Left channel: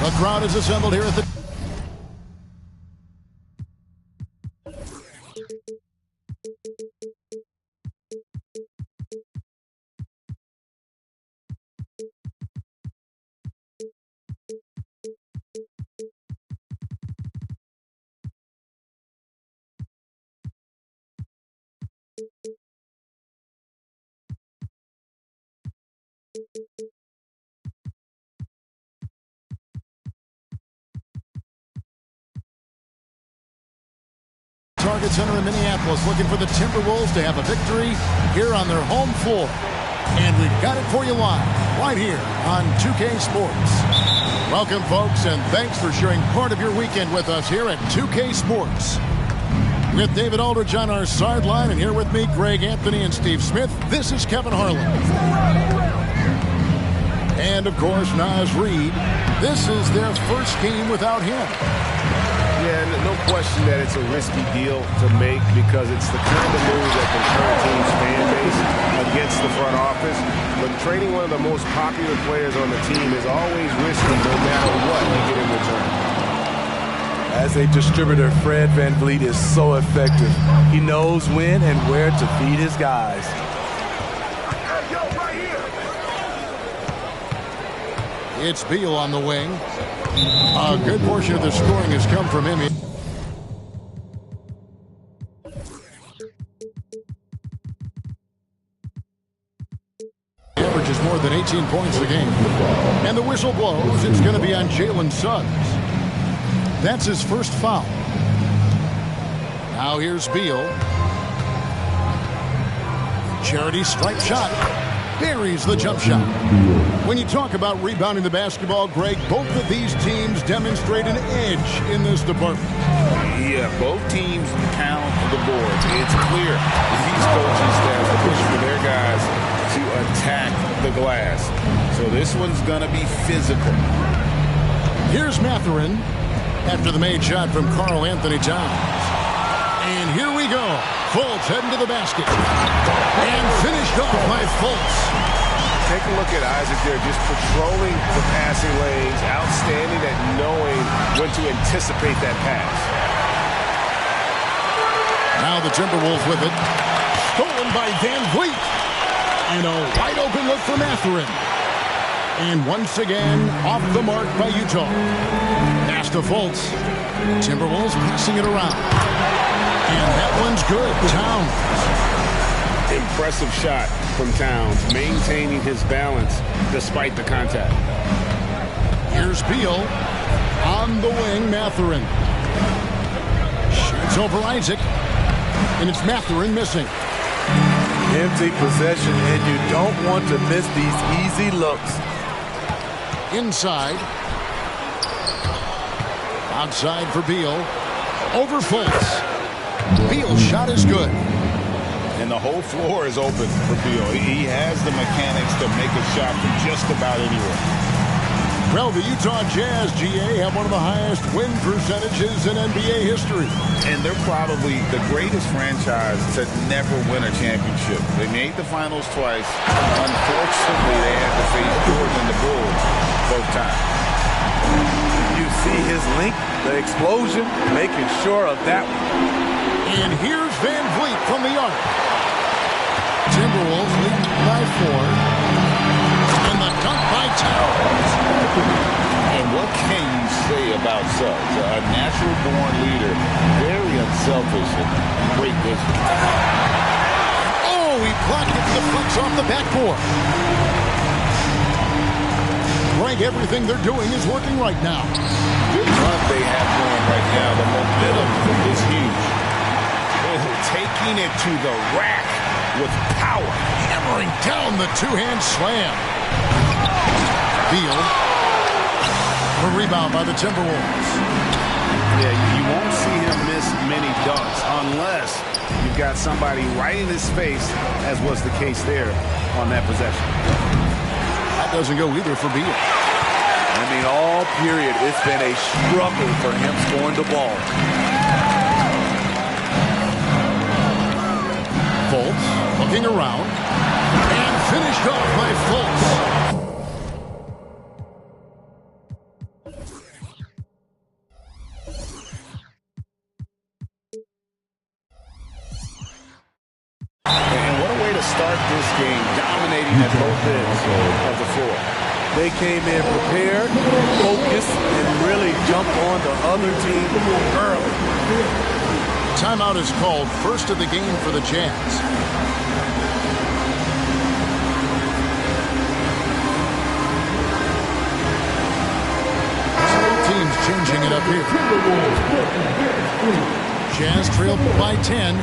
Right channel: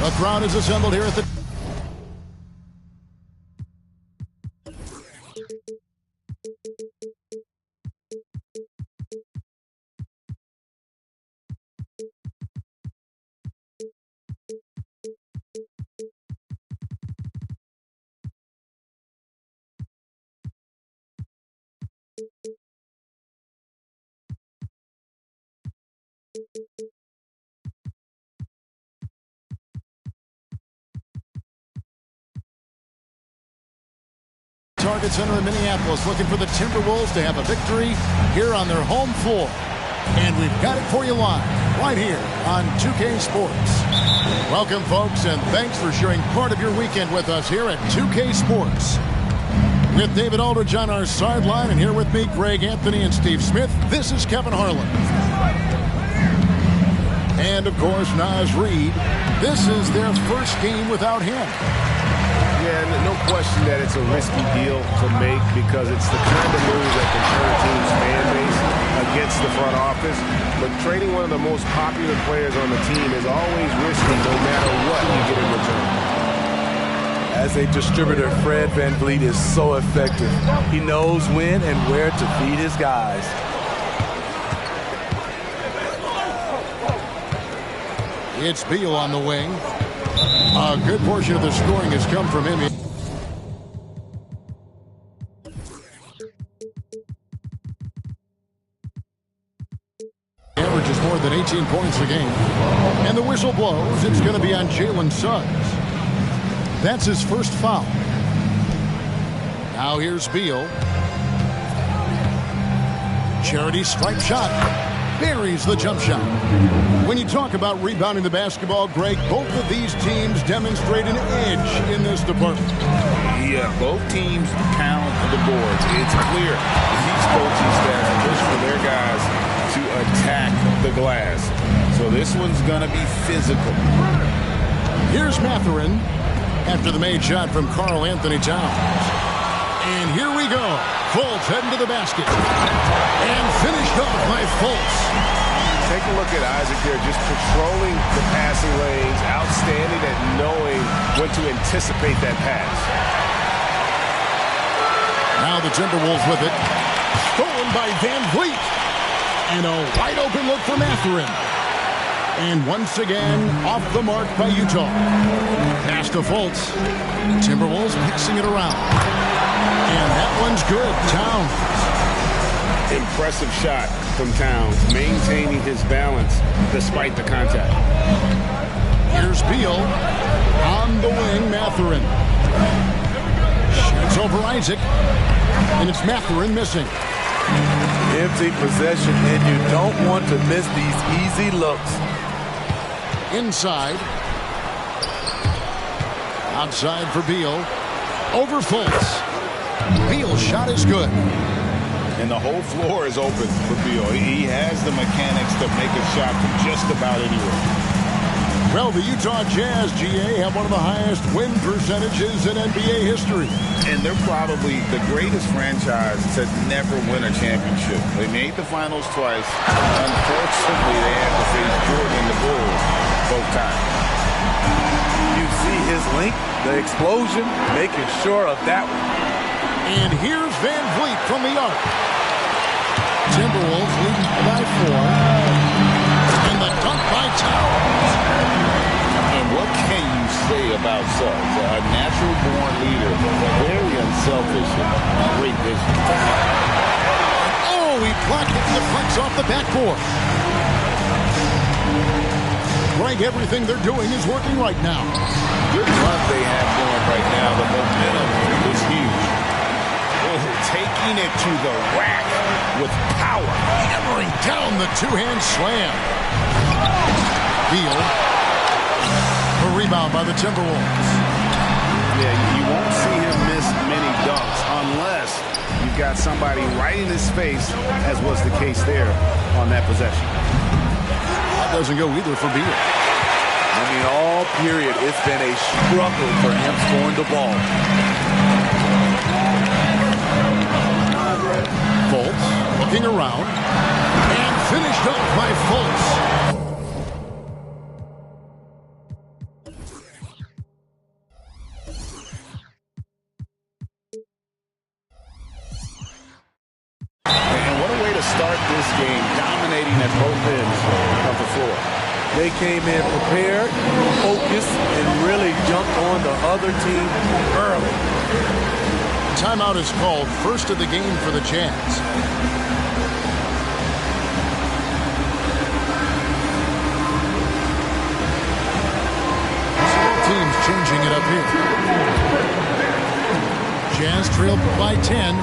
The crowd is assembled here at the... Target Center in Minneapolis, looking for the Timberwolves to have a victory here on their home floor. And we've got it for you live, right here on 2K Sports. Welcome, folks, and thanks for sharing part of your weekend with us here at 2K Sports. With David Aldridge on our sideline, and here with me, Greg Anthony and Steve Smith, this is Kevin Harlan. And, of course, Naz Reid. This is their first game without him. Yeah, no question that it's a risky deal to make because it's the kind of move that can turn a team's fan base against the front office. But trading one of the most popular players on the team is always risky no matter what you get in return. As a distributor, Fred VanVleet is so effective. He knows when and where to feed his guys. It's Beal on the wing. A good portion of the scoring has come from him. Averages more than 18 points a game. And the whistle blows. It's going to be on Jalen Suggs. That's his first foul. Now here's Beal. Charity stripe shot. Buries the jump shot. When you talk about rebounding the basketball, Greg, both of these teams demonstrate an edge in this department. Yeah, both teams pound the boards. It's clear these coaching staffs push for their guys to attack the glass. So this one's going to be physical. Here's Mathurin after the made shot from Karl Anthony Towns. And here we go. Fultz heading to the basket. And finished off by Fultz. Take a look at Isaac there, just patrolling the passing lanes, outstanding at knowing when to anticipate that pass. Now the Timberwolves with it. Stolen by VanVleet. And a wide open look for Mathurin. And once again, off the mark by Utah. Pass to Fultz. Timberwolves passing it around. And that one's good. Towns. Impressive shot from Towns, maintaining his balance despite the contact. Here's Beal on the wing. Mathurin shoots over Isaac, and it's Mathurin missing. Empty possession, and you don't want to miss these easy looks. Inside, outside for Beal, over Fultz. Beal's shot is good. And the whole floor is open for Beal. He has the mechanics to make a shot from just about anywhere. Well, the Utah Jazz, GA, have one of the highest win percentages in NBA history. And they're probably the greatest franchise to never win a championship. They made the finals twice. Unfortunately, they had to face Jordan and the Bulls both times. You see his link, the explosion, making sure of that one. And here's VanVleet from the arc. Timberwolves leading by 4. And the dunk by Towns. And what can you say about Suggs? A natural-born leader, very unselfish and great vision. Oh, he blocked it and deflects off the backboard. Greg, everything they're doing is working right now. Good run they have going right now. The momentum is huge. Oh, taking it to the rack with power. Hammering down the two-hand slam. Beal. A rebound by the Timberwolves. Yeah, you won't see him miss many dunks unless you've got somebody right in his face, as was the case there on that possession. That doesn't go either for Beal. I mean, all period, it's been a struggle for him scoring the ball. Fultz looking around and finished off by Fultz. to start this game, dominating at both ends of the floor. They came in prepared, focused, and really jumped on the other team early. Timeout is called, first of the game for the Jazz. Teams changing it up here. Jazz trailed by 10.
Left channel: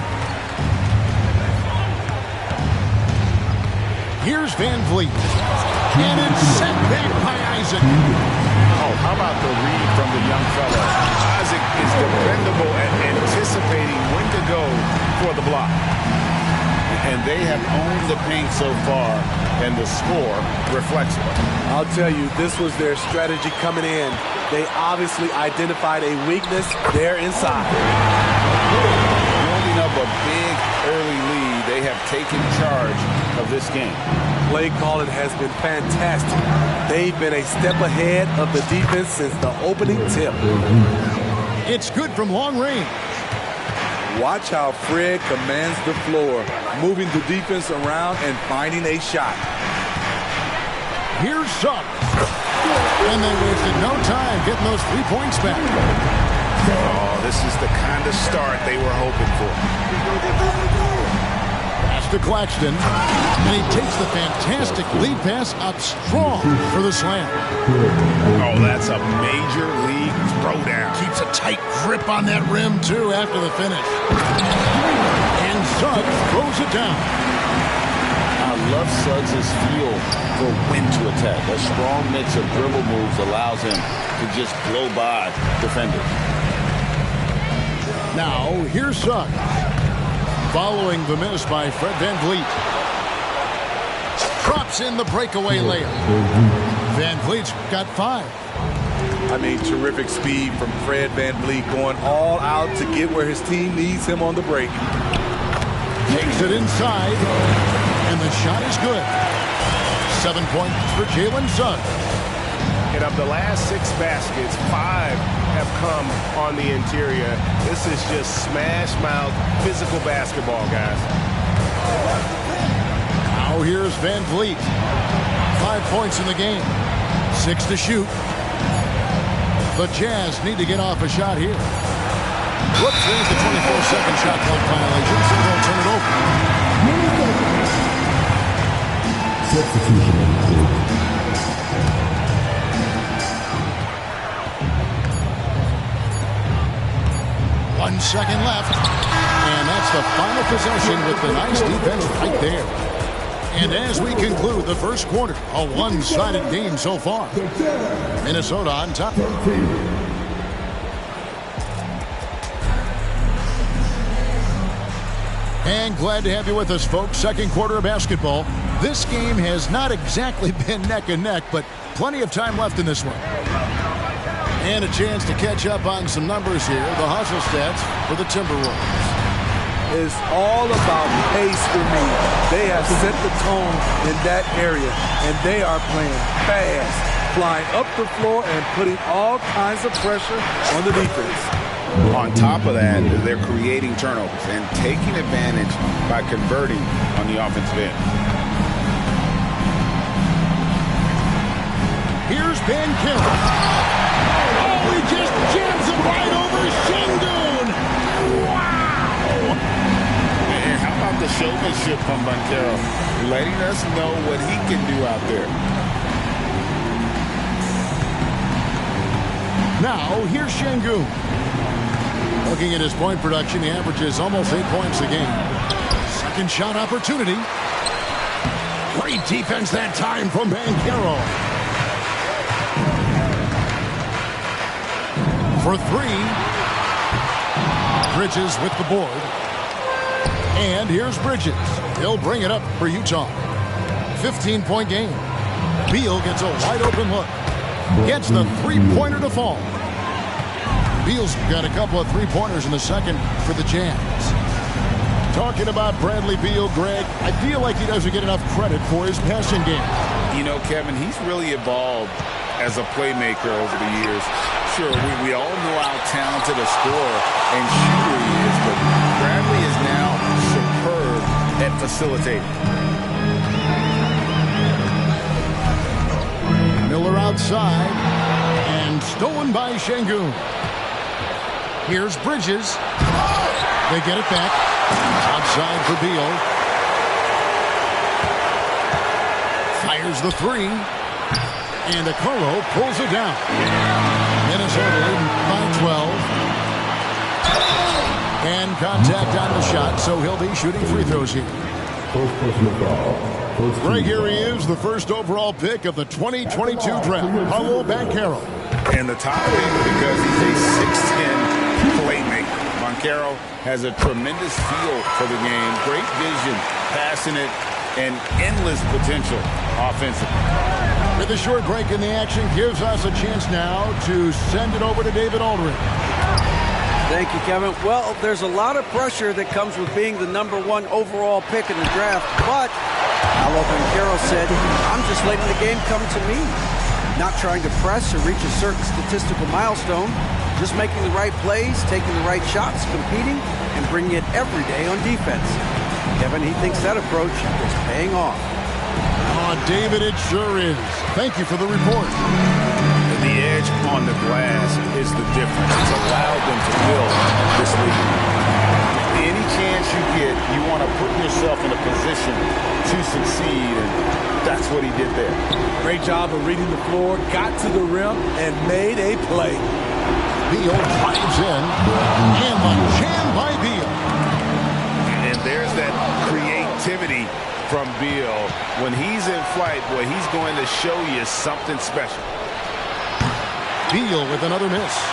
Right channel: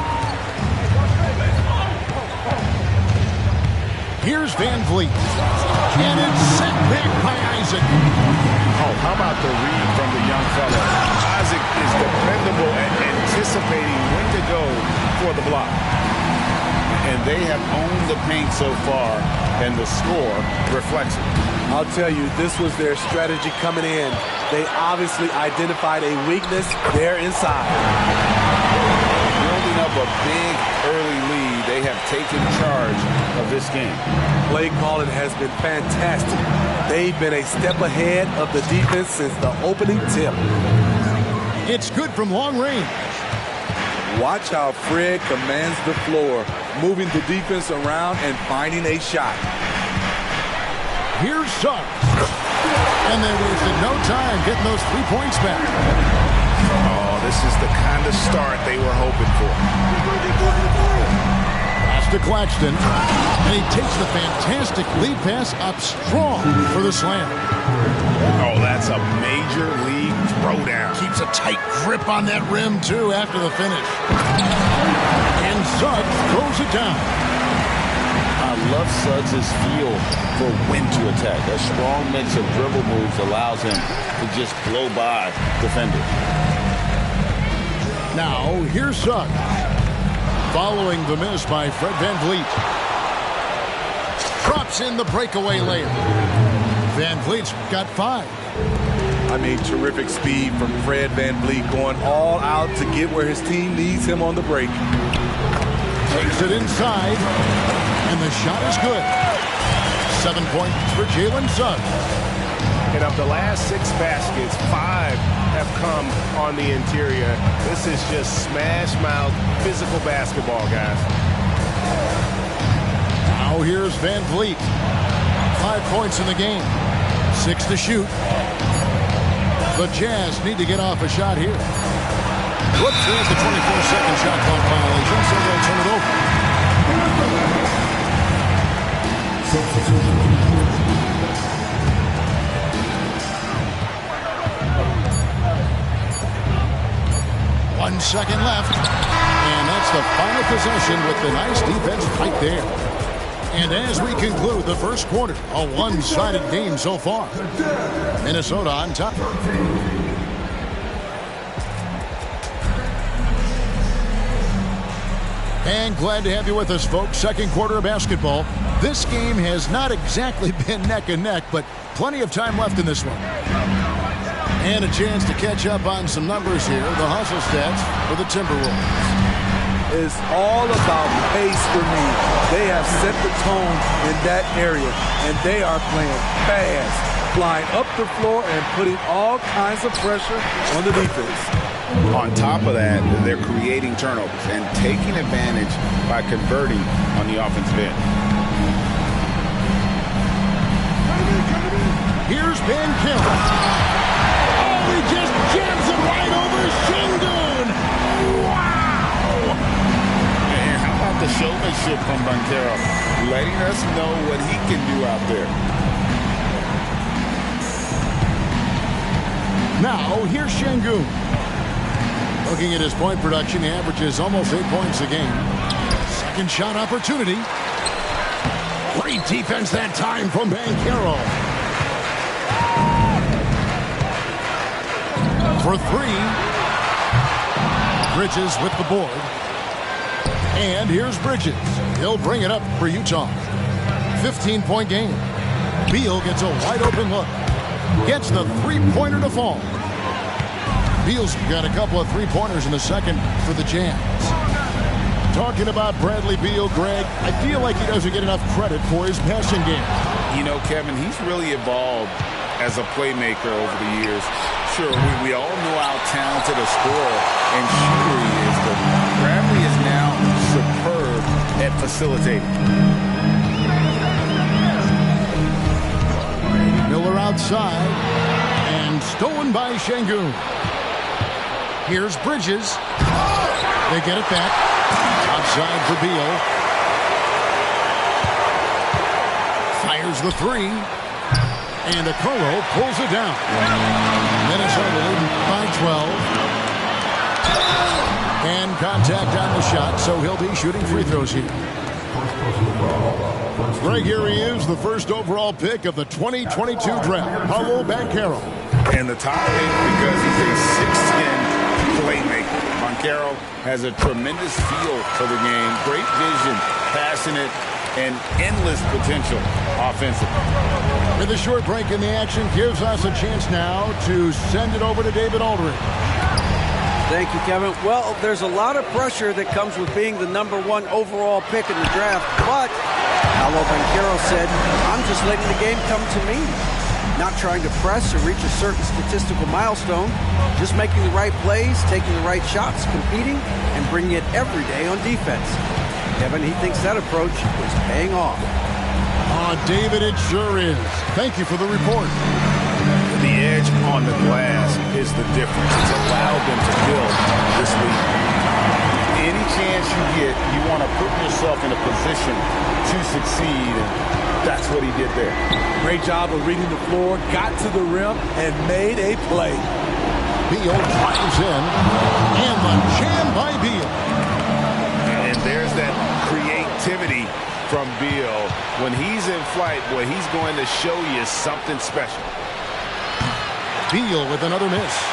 Here's Van Vliet. And it's sent back by Isaac. Oh, how about the read from the young fella? Isaac is dependable at anticipating when to go for the block. And they have owned the paint so far, and the score reflects it. I'll tell you, this was their strategy coming in. They obviously identified a weakness there inside. Building up a big early lead, they have taken charge of this game. Play calling has been fantastic. They've been a step ahead of the defense since the opening tip. It's good from long range. Watch how Fred commands the floor, moving the defense around and finding a shot. Here's Suggs. And they wasted no time getting those 3 points back. Oh, this is the kind of start they were hoping for. Pass to Claxton. And he takes the fantastic lead pass up strong for the slam. Oh, that's a major league throwdown. Keeps a tight grip on that rim, too, after the finish. And Suggs throws it down. I love Suggs' feel for when to attack. A strong mix of dribble moves allows him to just blow by defenders. Now, here's Suggs. Following the miss by Fred Van Vliet. Drops in the breakaway layup. Van Vliet's got 5. I mean, terrific speed from Fred Van Vliet, going all out to get where his team needs him on the break. Takes it inside. And the shot is good. 7 points for Jalen Suggs. And of the last 6 baskets, 5 have come on the interior. This is just smash mouth physical basketball, guys. Now here's Van Vliet. 5 points in the game. 6 to shoot. The Jazz need to get off a shot here. Whoops, there's the 24-second shot clock violation, so they'll turn it over. Substitution. 1 second left. And that's the final possession with the nice defense right there. And as we conclude the first quarter, a one-sided game so far. Minnesota on top. And glad to have you with us, folks. Second quarter of basketball. This game has not exactly been neck and neck, but plenty of time left in this one. And a chance to catch up on some numbers here. The hustle stats for the Timberwolves. It's all about pace for me. They have set the tone in that area, and they are playing fast, flying up the floor and putting all kinds of pressure on the defense. On top of that, they're creating turnovers and taking advantage by converting on the offensive end. Here's Banchero. Oh, he just jams it right over Şengün. Wow! And how about the showmanship from Banchero, letting us know what he can do out there. Now, here's Şengün. Looking at his point production, he averages almost 8 points a game. Second shot opportunity. Great defense that time from Banchero. For 3. Bridges with the board. And here's Bridges. He'll bring it up for Utah. 15-point game. Beal gets a wide open look. Gets the three-pointer to fall. Beal's got a couple of three-pointers in the second for the Jazz. Talking about Bradley Beal, Greg, I feel like he doesn't get enough credit for his passing game. You know, Kevin, he's really evolved as a playmaker over the years. Sure, we all know how talented a scorer and shooter he is, but Bradley is now superb at facilitating. Miller outside, and stolen by Şengün. Here's Bridges. They get it back. Outside for Beal. Fires the three. And Okoro pulls it down. Minnesota leading by 12. And contact on the shot, so he'll be shooting free throws here. First personal foul. Greg, here he is, the first overall pick of the 2022 draft, Paolo Banchero. And the top pick because he's a 6'10 playmaker. Banchero has a tremendous feel for the game, great vision, passionate, and endless potential offensively. With a short break in the action, gives us a chance now to send it over to David Aldridge. Thank you, Kevin. Well, there's a lot of pressure that comes with being the #1 overall pick in the draft, but Paolo Banchero said, I'm just letting the game come to me. Not trying to press or reach a certain statistical milestone, just making the right plays, taking the right shots, competing, and bringing it every day on defense. Kevin, he thinks that approach is paying off. Oh, David, it sure is. Thank you for the report. The edge on the glass is the difference. It's allowed them to build this lead. Any chance you get, you want to put yourself in a position to succeed, and that's what he did there. Great job of reading the floor, got to the rim, and made a play. Beal drives in, and the jam by Beal. And there's that creativity from Beal. When he's in flight, boy, he's going to show you something special. Beal with another miss.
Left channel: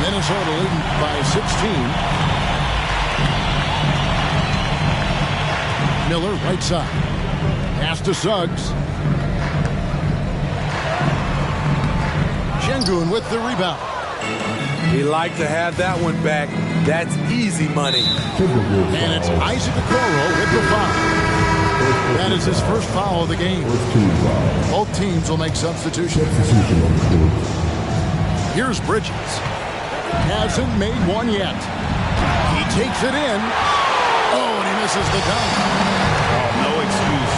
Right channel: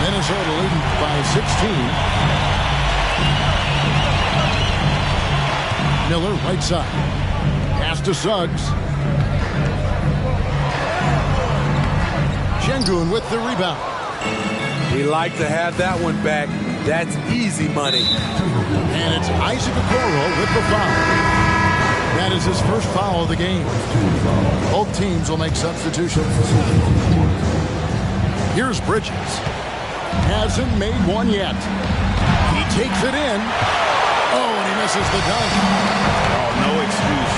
Minnesota leading by 16. Miller right side. Pass to Suggs. Şengün with the rebound. He liked to have that one back. That's easy money. And it's Isaac Okoro with the foul. That is his first foul of the game. Both teams will make substitutions. Here's Bridges. Hasn't made one yet. He takes it in. Oh, and he misses the dunk. Oh, no excuse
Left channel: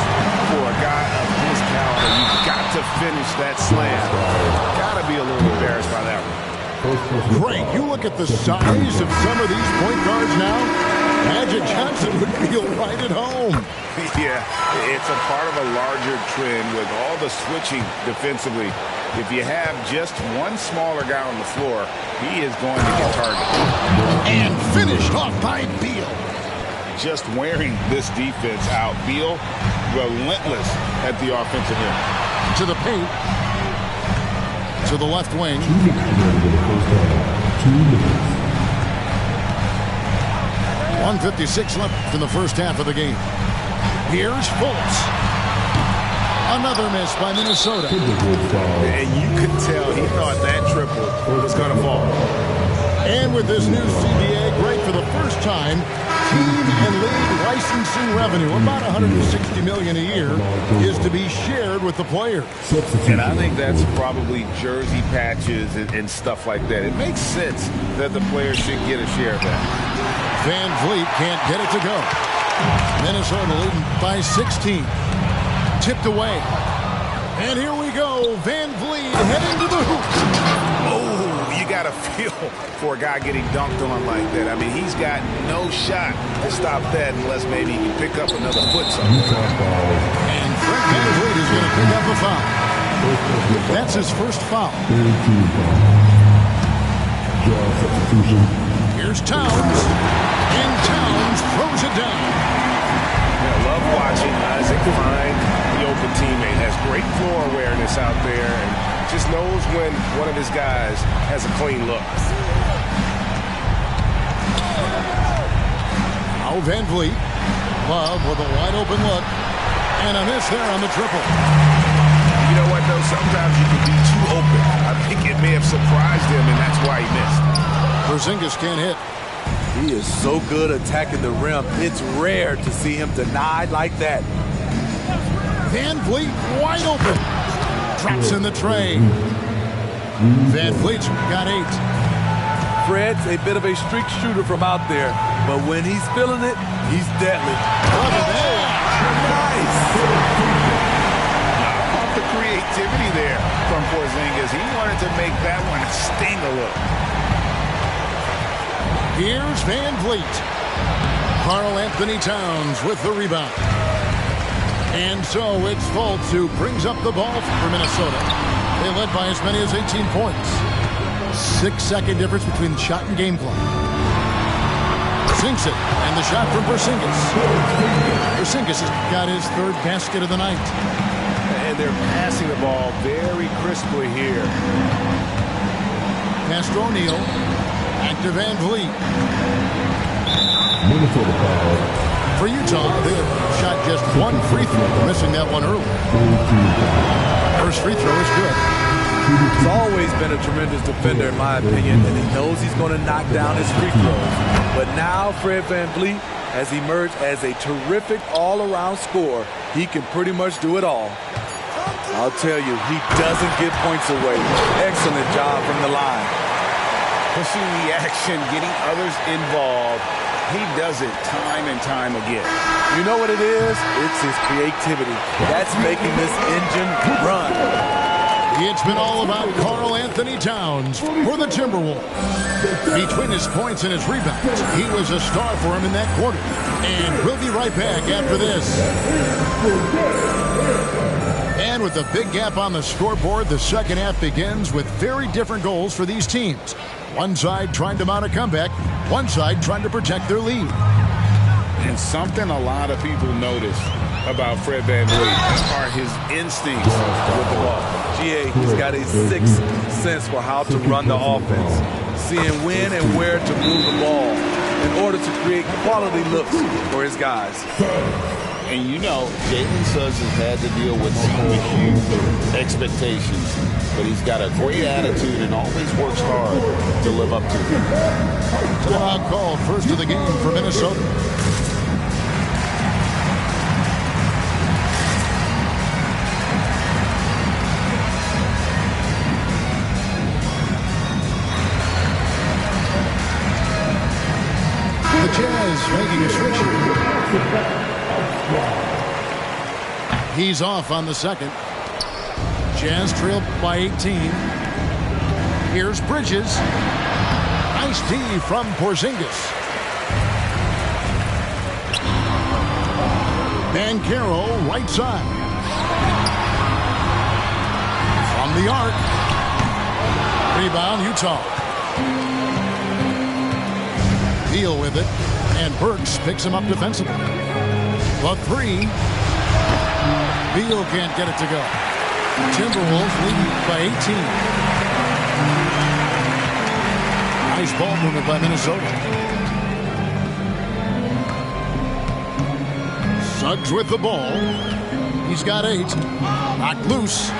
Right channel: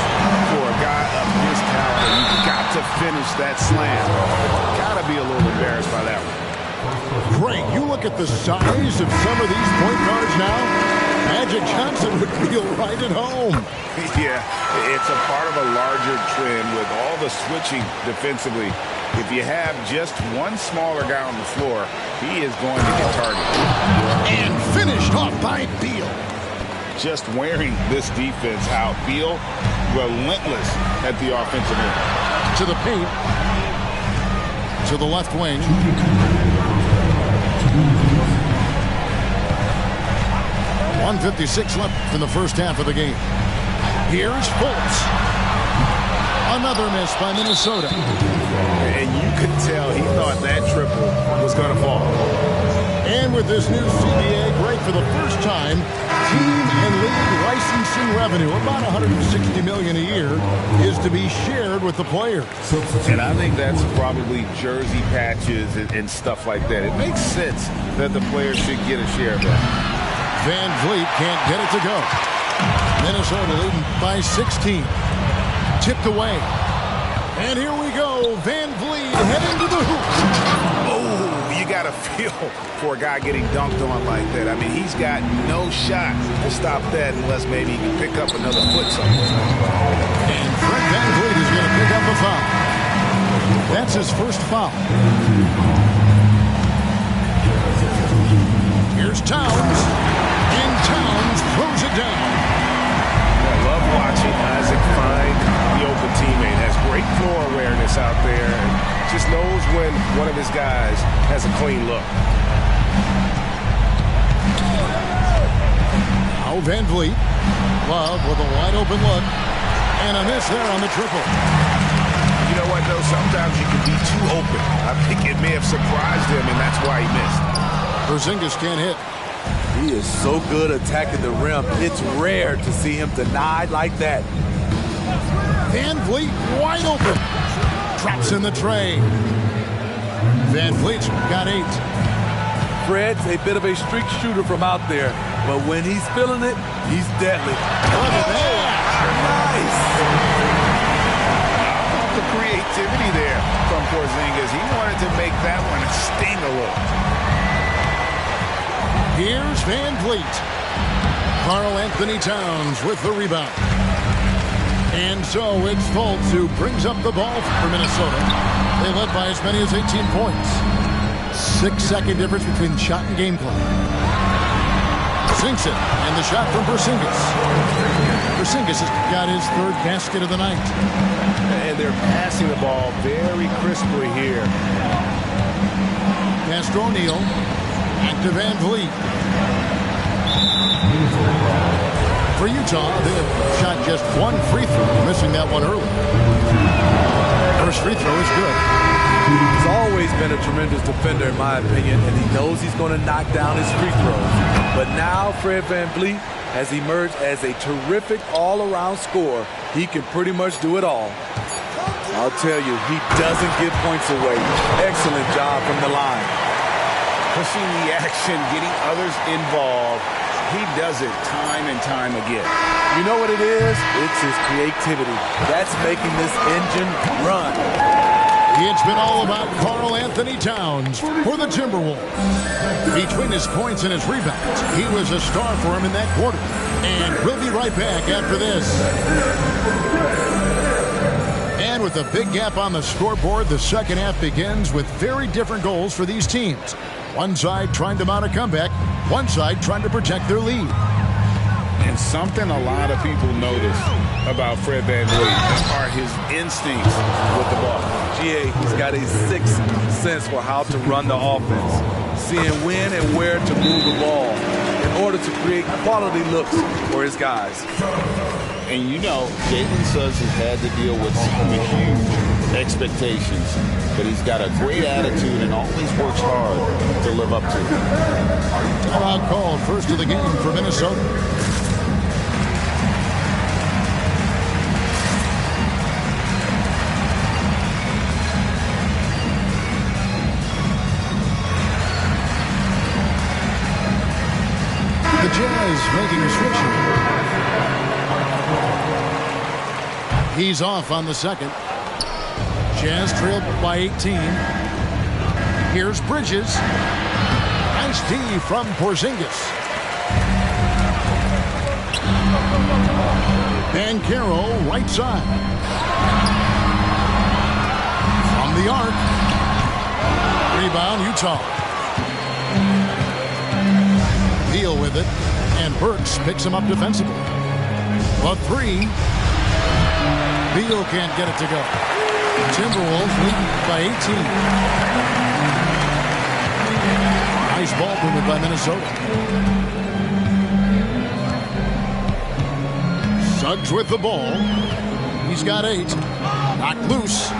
for a guy of his caliber. You've got to finish that slam. Got to be a little embarrassed by that one. Great. You look at the size of some of these point guards now. Magic Johnson would feel right at home. Yeah, it's a part of a larger trend with all the switching defensively. If you have just one smaller guy on the floor, he is going to get targeted. And finished off by Beal. Just wearing this defense out. Beal, relentless at the offensive end. To the paint. To the left wing. 1:56 left in the first half of the game. Here's Fultz. Another miss by Minnesota. And you could tell he thought that triple was going to fall. And with this new CBA, great for the first time, team and league licensing revenue, about $160 million a year, is to be shared with the players. And I think that's probably jersey patches and stuff like that. It makes sense that the players should get a share of that. Van Vliet can't get it to go. Minnesota leading by 16. Tipped away. And here we go. Van Vliet heading to the hoop. Oh, you got to feel for a guy getting dunked on like that. I mean, he's got no shot to stop that unless maybe he can pick up another foot somewhere. And Fred Van Vliet is going to pick up a foul. That's his first foul. Here's Towns. And Towns throws it down. I love watching Isaac find the open teammate. Has great floor awareness out there and just knows when one of his guys has a clean look. Now Van Vliet. Love with a wide open look. And a miss there on the triple. You know what, though? Sometimes you can be too open. I think it may have surprised him, and that's why he missed. Porzingis can't hit. He is so good attacking the rim. It's rare to see him denied like that. Van Vliet wide open. Drops in the tray. Van Vliet's got 8. Fred's a bit of a streak shooter from out there, but when he's feeling it, he's deadly. Look at that. Nice. How about the creativity there from Porzingis? He wanted to make that one sting a little. Here's Van Vliet. Karl Anthony Towns with the rebound. And so it's Fultz who brings up the ball for Minnesota. They led by as many as 18 points. 6-second difference between the shot and game clock. Sinks it, and the shot from Porzingis. Porzingis has got his third basket of the night. And they're passing the ball very crisply here. Pass to O'Neal. Back to Van Vliet. For Utah, they have shot just one free throw, missing that one early. First free throw is good. He's always been a tremendous defender, in my opinion, and he knows he's going to knock down his free throws. But now Fred VanVleet has emerged as a terrific all-around scorer. He can pretty much do it all. I'll tell you, he doesn't give points away. Excellent job from the line. Pushing the action, getting others involved. He does it time and time again. You know what it is? It's his creativity. That's making this engine run. It's been all about Karl Anthony Towns for the Timberwolves. Between his points and his rebounds, he was a star for him in that quarter. And we'll be right back after this. And with a big gap on the scoreboard, the second half begins with very different goals for these teams. One side trying to mount a comeback, one side trying to protect their lead. And something a lot of people notice about Fred VanVleet are his instincts with the ball. GA, he's got a sixth sense for how to run the offense, seeing when and where to move the ball in order to create quality looks for his guys. And you know, Jalen Suggs has had to deal with some huge expectations, but he's got a great attitude and always works hard to live up to it. Timeout called, first of the game for Minnesota. The Jazz making a switch here. He's off on the second. Jazz trailed by 18. Here's Bridges. Nice D from Porzingis. Banchero right side. From the arc. Rebound Utah. Deal with it. And Burks picks him up defensively. The three. Beal can't get it to go. Timberwolves leading by 18. Nice ball movement by Minnesota. Suggs with the ball. He's got 8. Knocked loose.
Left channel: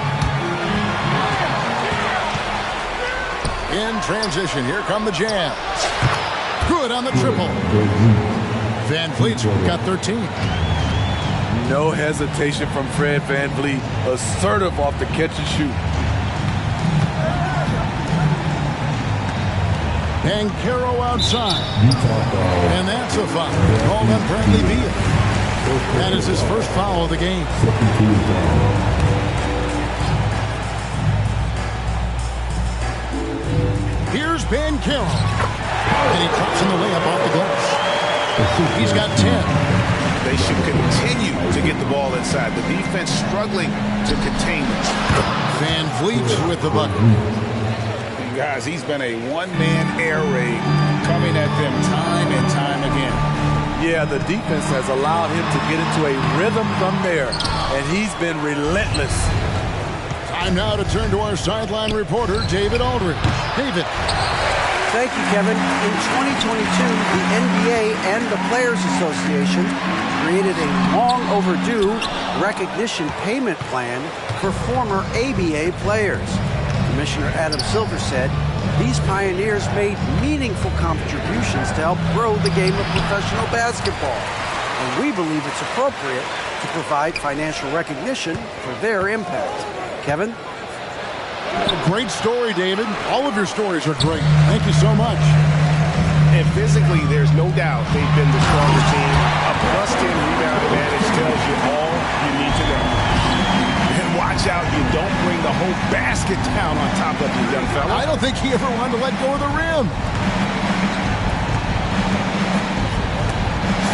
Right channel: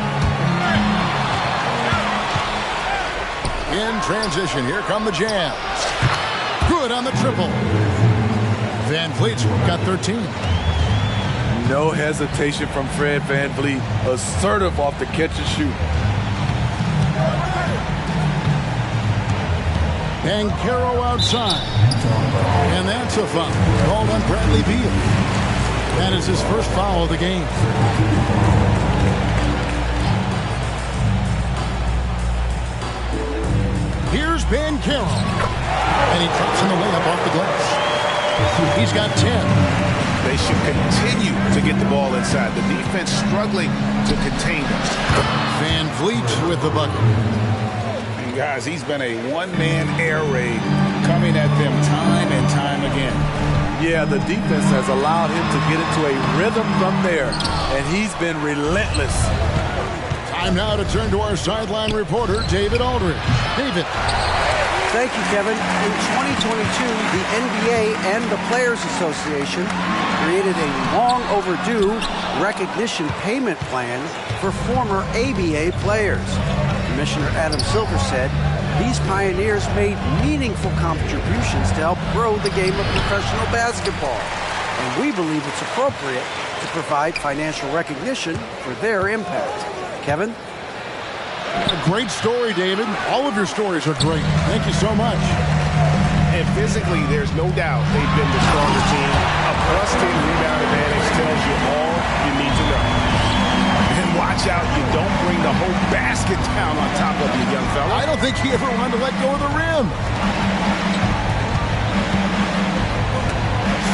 In transition, here come the Jazz. Good on the triple. VanVleet's got 13. No hesitation from Fred VanVleet. Assertive off the catch and shoot. Banchero outside. And that's a foul called on Bradley Beal. That is his first foul of the game. Here's Banchero. And he drops in the layup off the glass. He's got 10. They should continue to get the ball inside. The defense struggling to contain them. VanVleet with the bucket. And guys, he's been a one-man air raid coming at them time and time again. Yeah, the defense has allowed him to get into a rhythm from there, and he's been relentless. Time now to turn to our sideline reporter, David Aldridge. David. Thank you, Kevin. In 2022, the NBA and the Players Association created a long overdue recognition payment plan for former ABA players. Commissioner Adam Silver said these pioneers made meaningful contributions to help grow the game of professional basketball, and we believe it's appropriate to provide financial recognition for their impact. Kevin? Great story, David. All of your stories are great. Thank you so much. And physically, there's no doubt they've been the stronger team. A +10 rebound advantage tells you all you need to know. And watch out, you don't bring the whole basket down on top of you, young fella. I don't think he ever wanted to let go of the rim.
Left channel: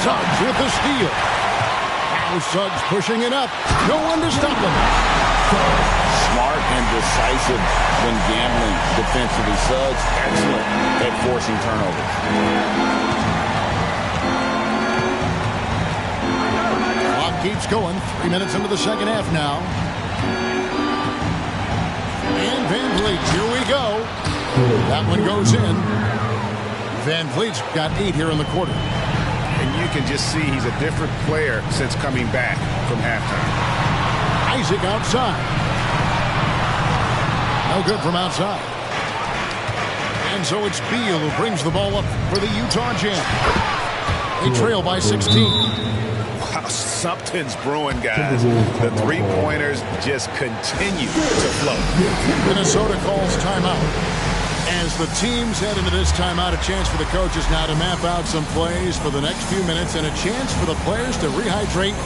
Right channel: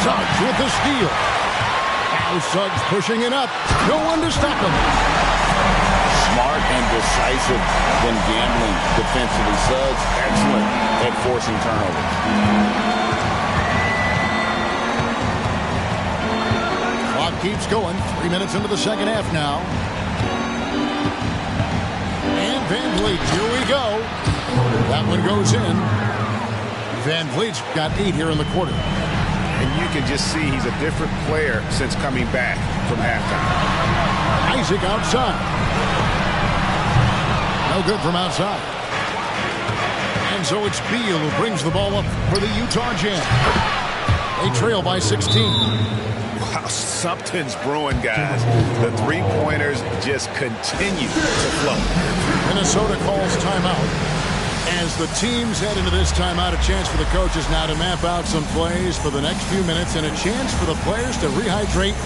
Suggs with the steal. Now Suggs pushing it up. No one to stop him. Smart and decisive when gambling defensively. Suggs, excellent at forcing turnovers. Clock keeps going. 3 minutes into the second half now. And Van Vliet, here we go. That one goes in. Van Vliet's got 8 here in the quarter. And you can just see he's a different player since coming back from halftime. Isaac outside. No good from outside. And so it's Beal who brings the ball up for the Utah Jazz. They trail by 16. Wow, something's brewing, guys. The three-pointers just continue to flow. Minnesota calls timeout. As the teams head into this timeout, a chance for the coaches now to map out some plays for the next few minutes and a chance for the players to rehydrate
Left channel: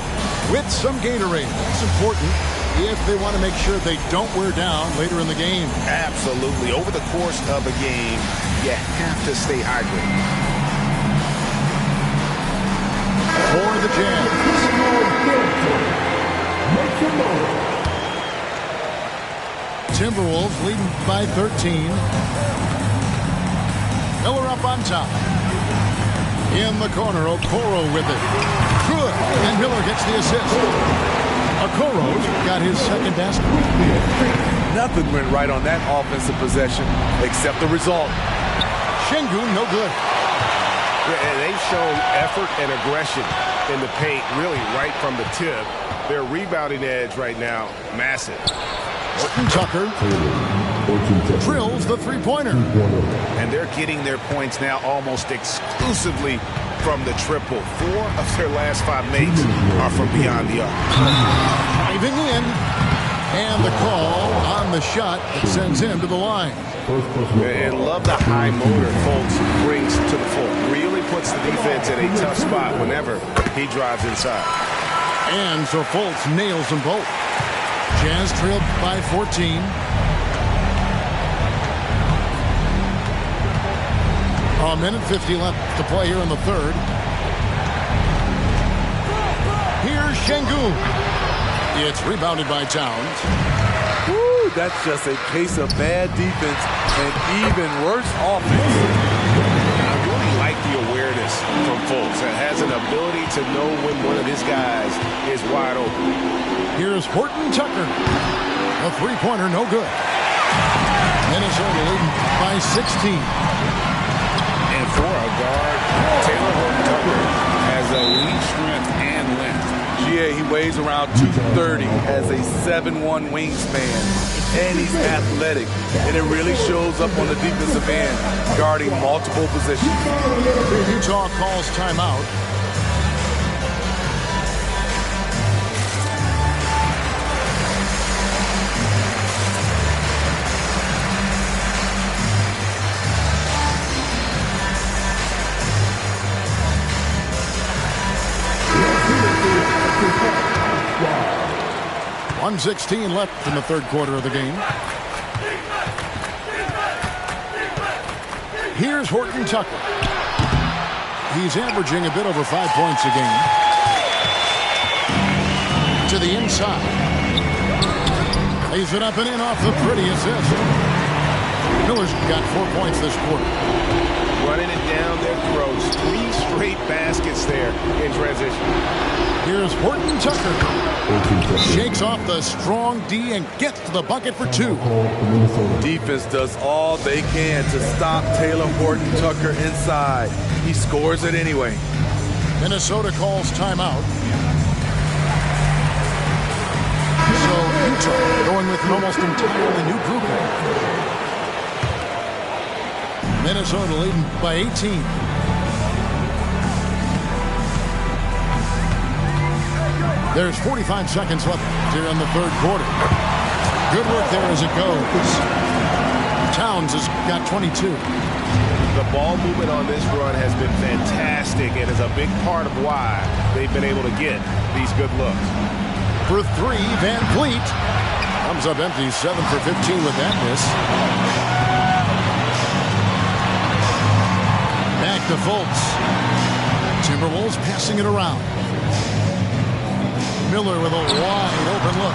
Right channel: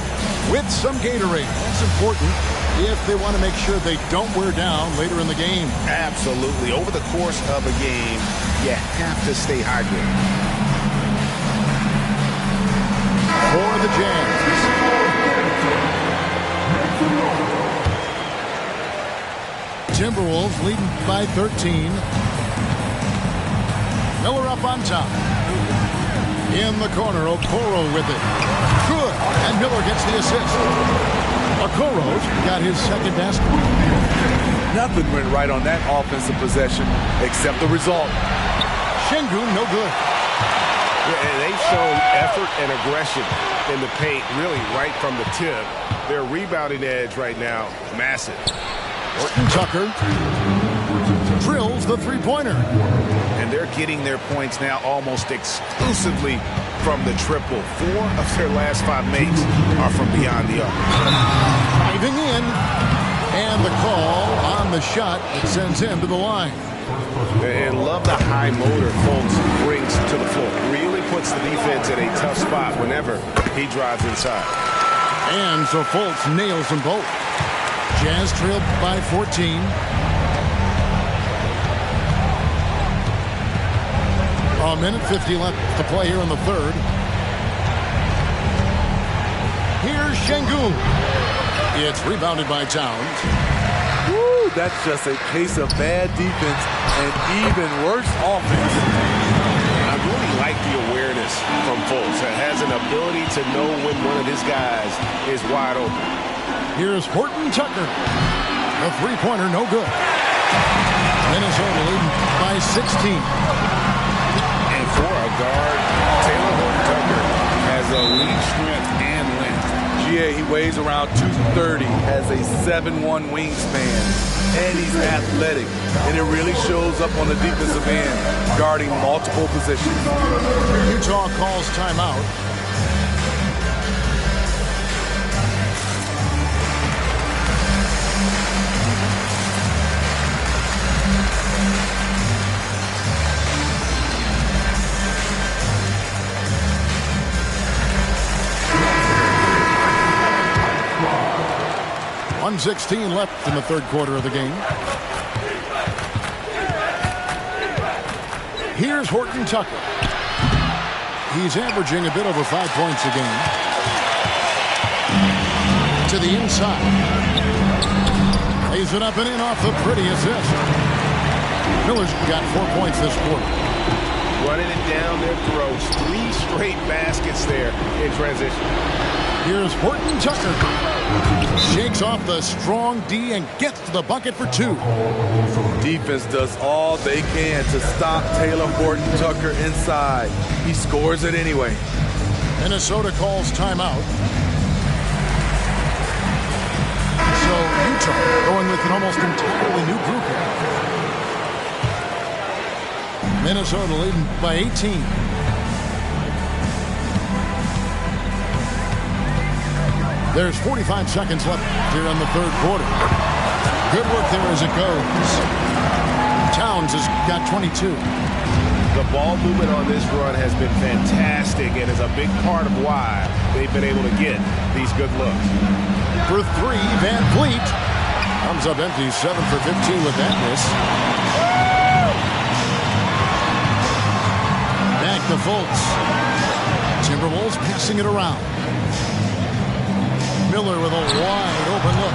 with some Gatorade. That's important if they want to make sure they don't wear down later in the game. Absolutely. Over the course of a game, you have to stay hydrated. For the Jazz. Timberwolves leading by 13. Miller up on top. In the corner, Okoro with it. Good. And Miller gets the assist. Okoro's got his second basket. Nothing went right on that offensive possession except the result. Şengün, no good. Yeah, and they've shown effort and aggression in the paint, really right from the tip. Their rebounding edge right now, massive. Horton Tucker drills the three-pointer. And they're getting their points now almost exclusively from the triple. 4 of their last 5 makes are from beyond the arc. Driving in. And the call on the shot that sends him to the line. And love the high motor Fultz brings to the floor. Really puts the defense in a tough spot whenever he drives inside. And so Fultz nails them both. Jazz trailed by 14. A minute 50 left to play here in the third. Here's Şengün. It's rebounded by Towns. Woo, that's just a case of bad defense and even worse offense. I really like the awareness from Fultz. That has an ability to know when one of his guys is wide open. Here's Horton Tucker. The three-pointer, no good. Minnesota leading by 16. And for a guard, Taylor Horton Tucker has elite strength and length. GA, he weighs around 230, has a 7'1" wingspan, and he's athletic. And it really shows up on the defensive end, guarding multiple positions. Utah calls timeout. .116 left in the third quarter of the game. Here's Horton Tucker. He's averaging a bit over 5 points a game. To the inside. Lays it up and in off the pretty assist. Miller's got 4 points this quarter. Running it down their throats. 3 straight baskets there in transition. Here's Horton Tucker. Shakes off the strong D and gets to the bucket for 2. Defense does all they can to stop Taylor Horton Tucker inside. He scores it anyway. Minnesota calls timeout. So Utah going with an almost entirely new group here. Minnesota leading by 18. There's 45 seconds left here in the third quarter. Good work there as it goes. Towns has got 22. The ball movement on this run has been fantastic and is a big part of why they've been able to get these good looks. For three, Van Vliet. Comes up empty, 7 for 15 with that miss. Back to Fultz. Timberwolves passing it around. Miller with a wide open look.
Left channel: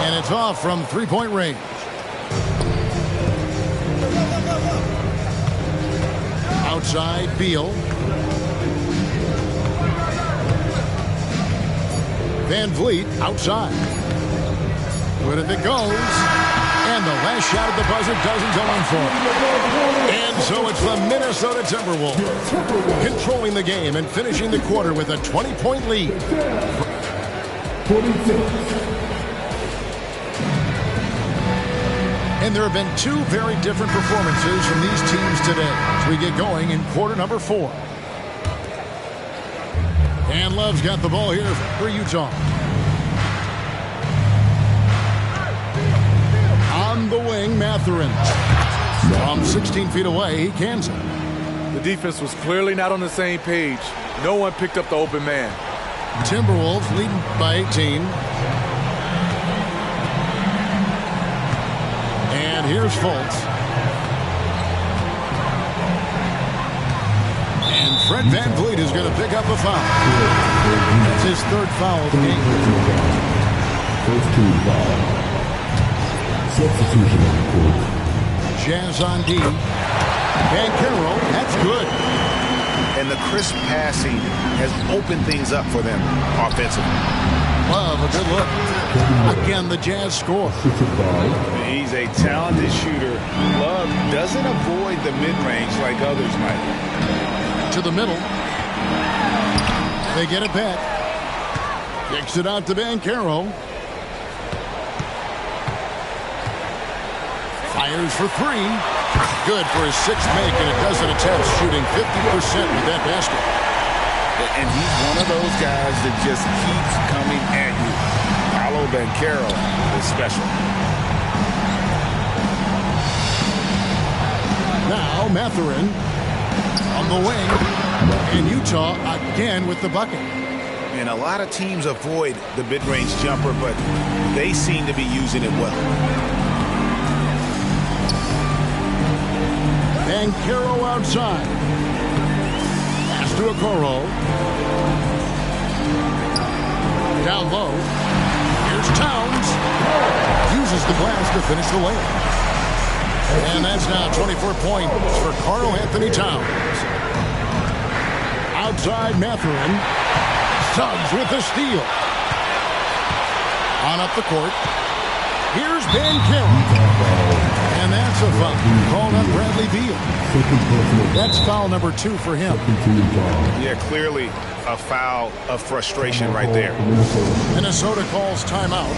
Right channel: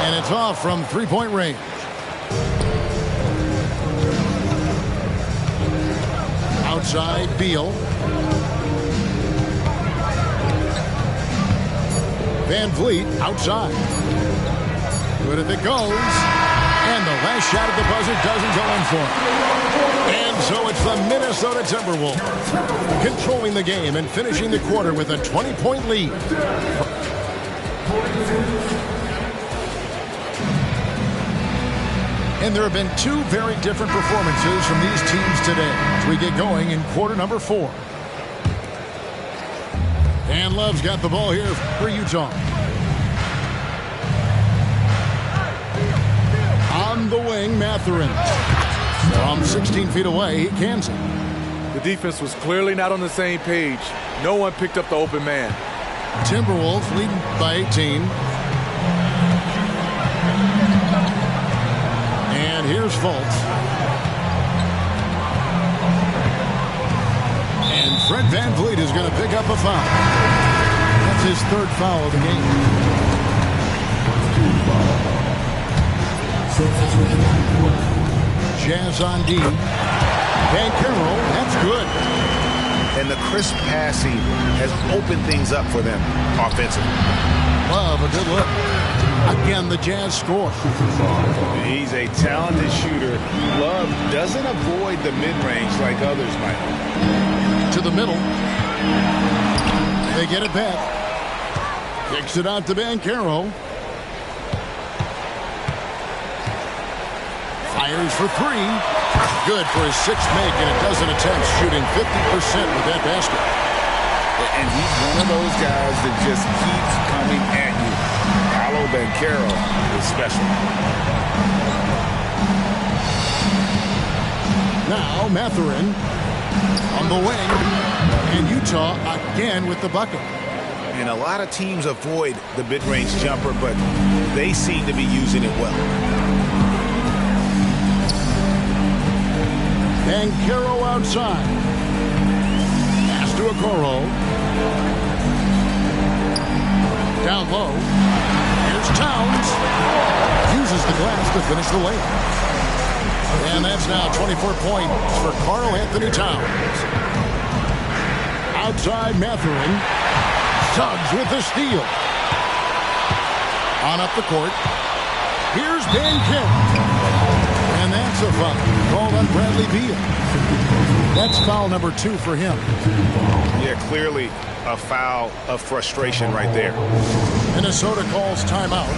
And it's off from three-point range. Outside, Beal. Van Vliet outside. Good if it goes. And the last shot at the buzzer doesn't go in for it. And so it's the Minnesota Timberwolves controlling the game and finishing the quarter with a 20-point lead. And there have been two very different performances from these teams today as we get going in quarter number 4. And Love's got the ball here for Utah. On the wing, Mathurin. From 16 feet away, he cans it. The defense was clearly not on the same page. No one picked up the open man. Timberwolves leading by 18. And here's Fultz. And Fred Van Vliet is going to pick up a foul. That's his third foul of the game. First team foul. Substitution on the court. Jazz on D. Banchero, that's good. And the crisp passing has opened things up for them offensively. Love, a good look. Again, the Jazz score. He's a talented shooter. Love doesn't avoid the mid-range like others might. To the middle. They get it back. Kicks it out to Banchero. Fires for three. Good for his 6th make and a dozen attempts, shooting 50% with that basket. And he's one of those guys that just keeps coming at you. Paolo Banchero is special. Now Mathurin on the wing. And Utah again with the bucket. And a lot of teams avoid the mid-range jumper, but they seem to be using it well. Banchero outside. Pass to Okoro. Down low. Here's Towns. Uses the glass to finish the layup. And that's now 24 points for Karl Anthony Towns. Outside Mathurin. Suggs with the steal. On up the court. Here's Banchero. And that's a foul called on Bradley Beal. That's foul number 2 for him. Yeah, clearly a foul of frustration right there. Minnesota calls timeout.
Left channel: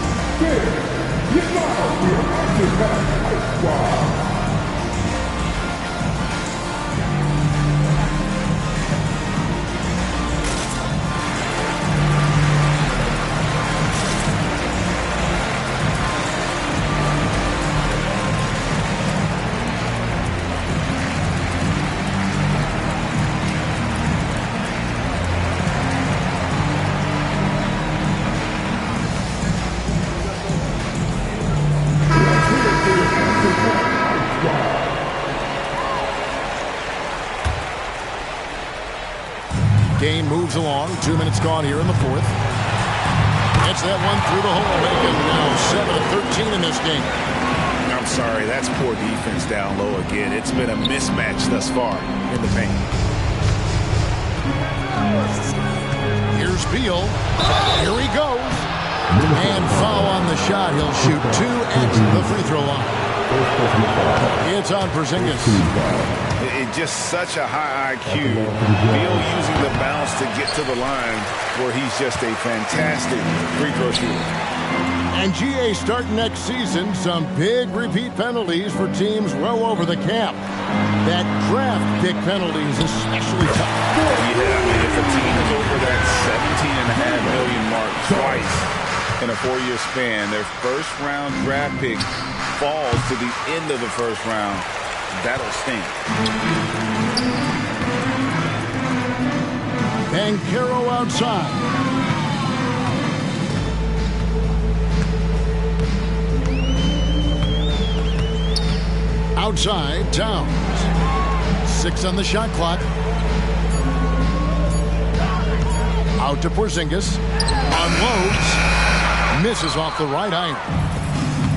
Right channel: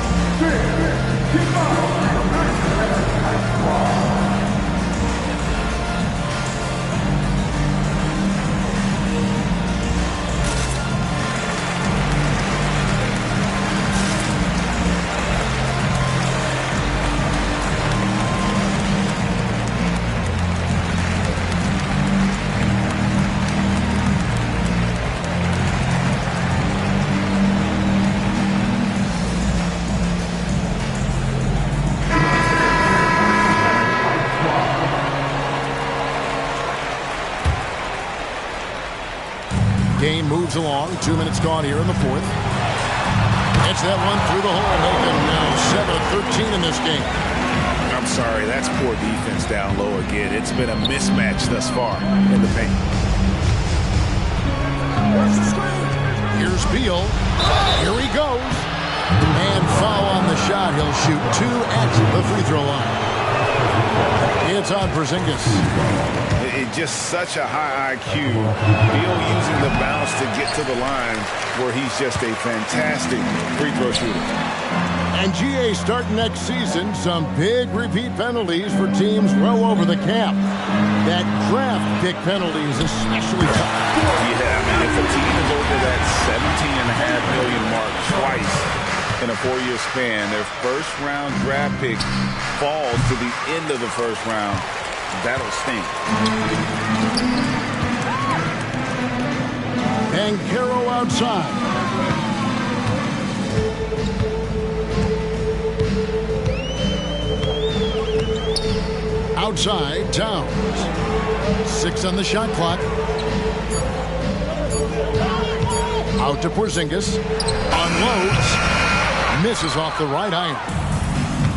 Game moves along. 2 minutes gone here in the 4th. Gets that one through the hole, making now 7 of 13 in this game. I'm sorry, that's poor defense down low again. It's been a mismatch thus far in the paint. Here's Beal. Here he goes. And foul on the shot. He'll shoot 2 at the free throw line. It's on Porzingis. It's just such a high IQ. Beal using the bounce to get to the line where he's just a fantastic free throw shooter. And GA starting next season, some big repeat penalties for teams well over the cap. That draft pick penalty is especially tough. Yeah, I mean, if a team is over that $17.5 million mark twice, in a 4-year span. Their first-round draft pick falls to the end of the first round. That'll sting. Banchero outside. Outside, Towns. 6 on the shot clock. Out to Porzingis. Unloads. Misses off the right iron.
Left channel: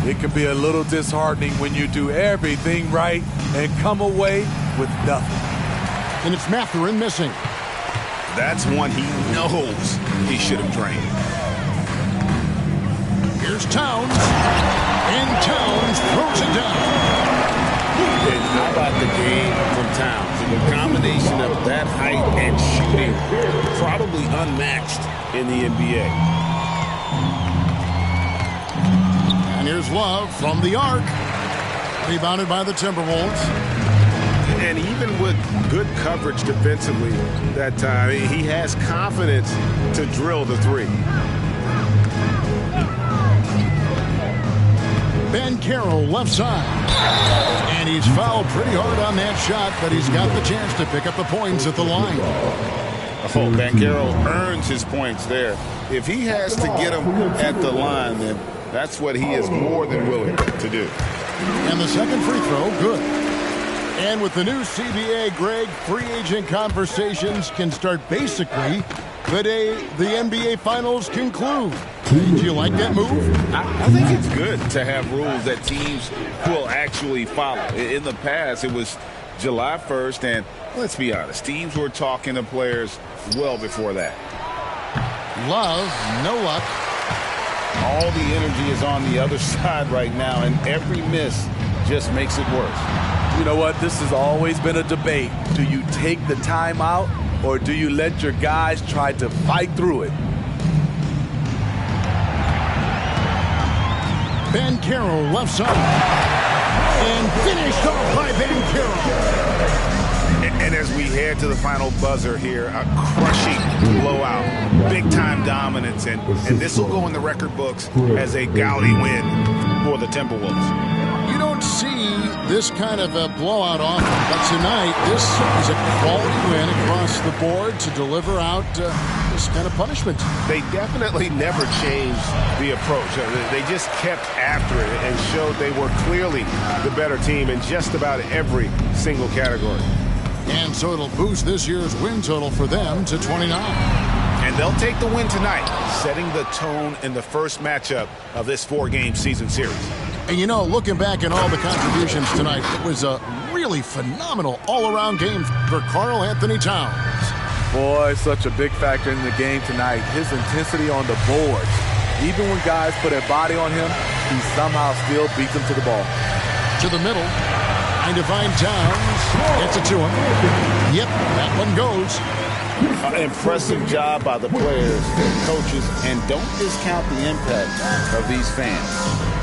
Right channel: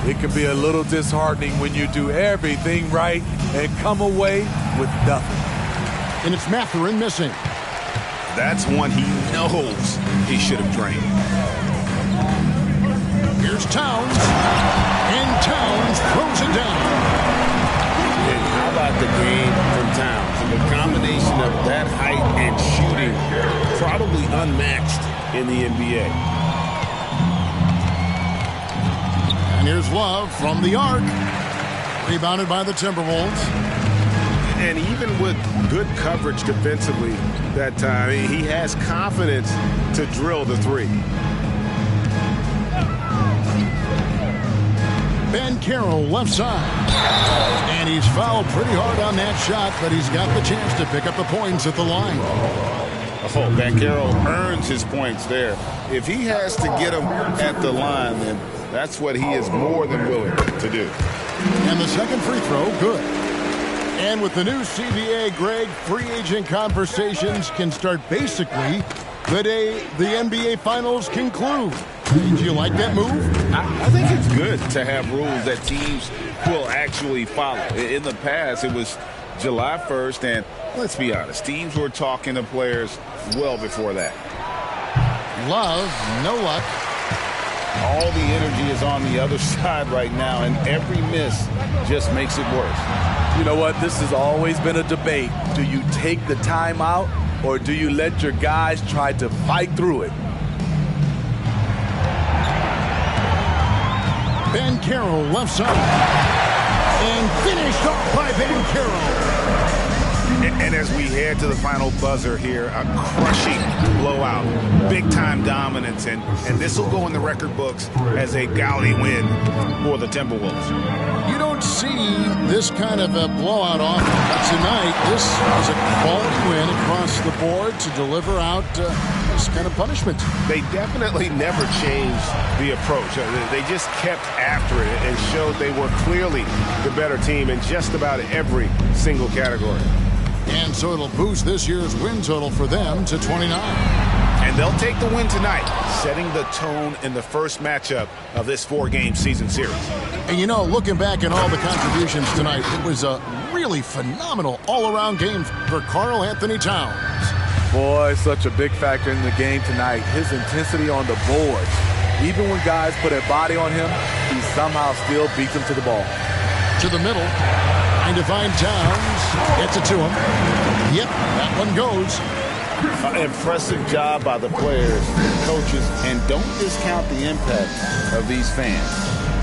It can be a little disheartening when you do everything right and come away with nothing. And it's Mathurin missing. That's one he knows he should have drained. Here's Towns. And Towns throws it down. And how about the game from Towns? And the combination of that height and shooting, probably unmatched in the NBA. And here's Love from the arc. Rebounded by the Timberwolves. And even with good coverage defensively that time, he has confidence to drill the three. Banchero left side. And he's fouled pretty hard on that shot, but he's got the chance to pick up the points at the line. Oh, Banchero earns his points there. If he has to get them at the line, then that's what he is more than willing to do. And the second free throw, good. And with the new CBA, Greg, free agent conversations can start basically the day the NBA Finals conclude. Do you like that move? I think it's good to have rules that teams will actually follow. In the past, it was July 1st, and let's be honest, teams were talking to players well before that. Love, no luck. All the energy is on the other side right now, and every miss just makes it worse. You know what? This has always been a debate. Do you take the timeout, or do you let your guys try to fight through it? Banchero left side. And finished off by Banchero. And as we head to the final buzzer here, a crushing blowout, big-time dominance, and this will go in the record books as a gaudy win for the Timberwolves. You don't see this kind of a blowout often, but tonight this is a quality win across the board to deliver out this kind of punishment. They definitely never changed the approach. They just kept after it and showed they were clearly the better team in just about every single category. And so it'll boost this year's win total for them to 29. And they'll take the win tonight, setting the tone in the first matchup of this 4-game season series. And you know, looking back at all the contributions tonight, it was a really phenomenal all-around game for Karl Anthony Towns. Boy, such a big factor in the game tonight. His intensity on the boards. Even when guys put a body on him, he somehow still beats them to the ball. To the middle. Trying to find Towns. Gets it to him. Yep, that one goes. Impressive job by the players, coaches, and don't discount the impact of these fans.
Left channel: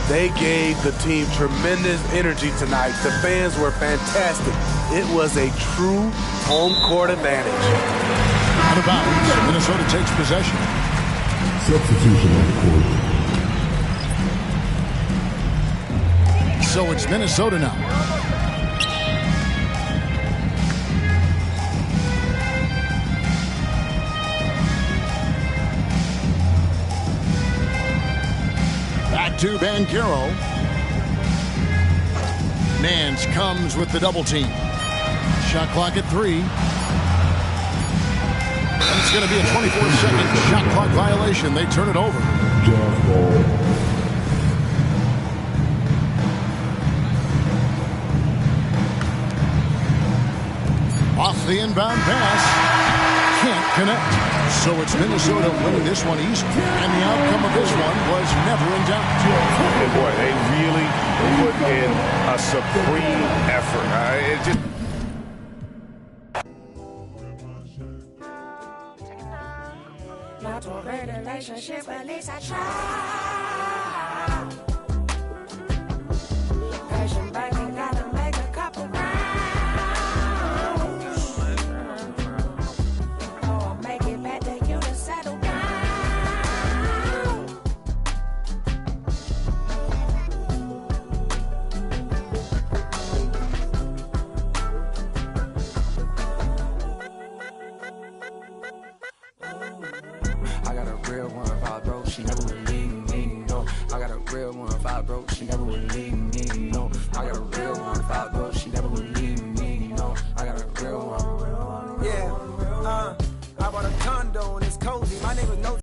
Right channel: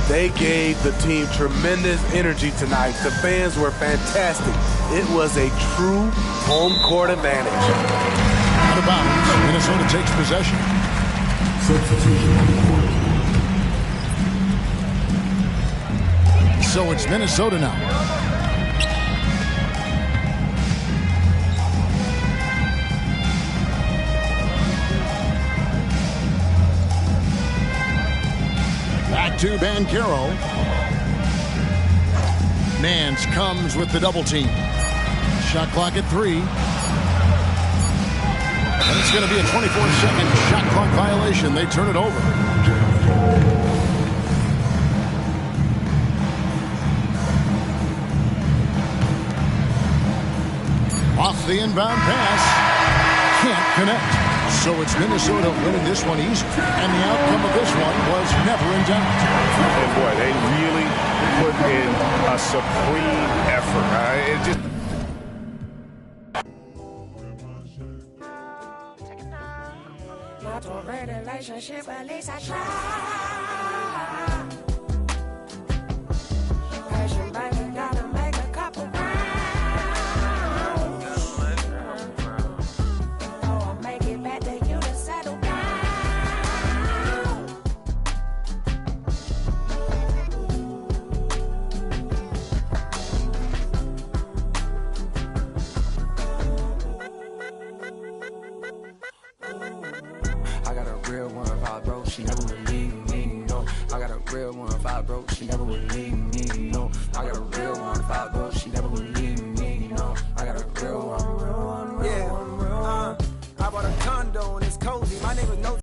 They gave the team tremendous energy tonight. The fans were fantastic. It was a true home court advantage. Out of bounds, Minnesota takes possession. Substitution on the court. So it's Minnesota now. Back to Banchero. Nance comes with the double team. Shot clock at 3. And it's going to be a 24-second shot clock violation. They turn it over. Jazz ball. Off the inbound pass. Can't connect. So it's Minnesota winning this one easy. And the outcome of this one was never in doubt. And boy, they really put in a supreme effort. It just... Not a relationship, at least I try. Passion, baby, gotta make a couple rounds. Oh, I'll make it back to you to settle down. she never would leave me, no. I got a real one, if I broke, she never would leave me, no. I got a real one, if I broke, she never would leave me, no. I got a real one. Yeah, I bought a condo and it's cozy. My neighbors know.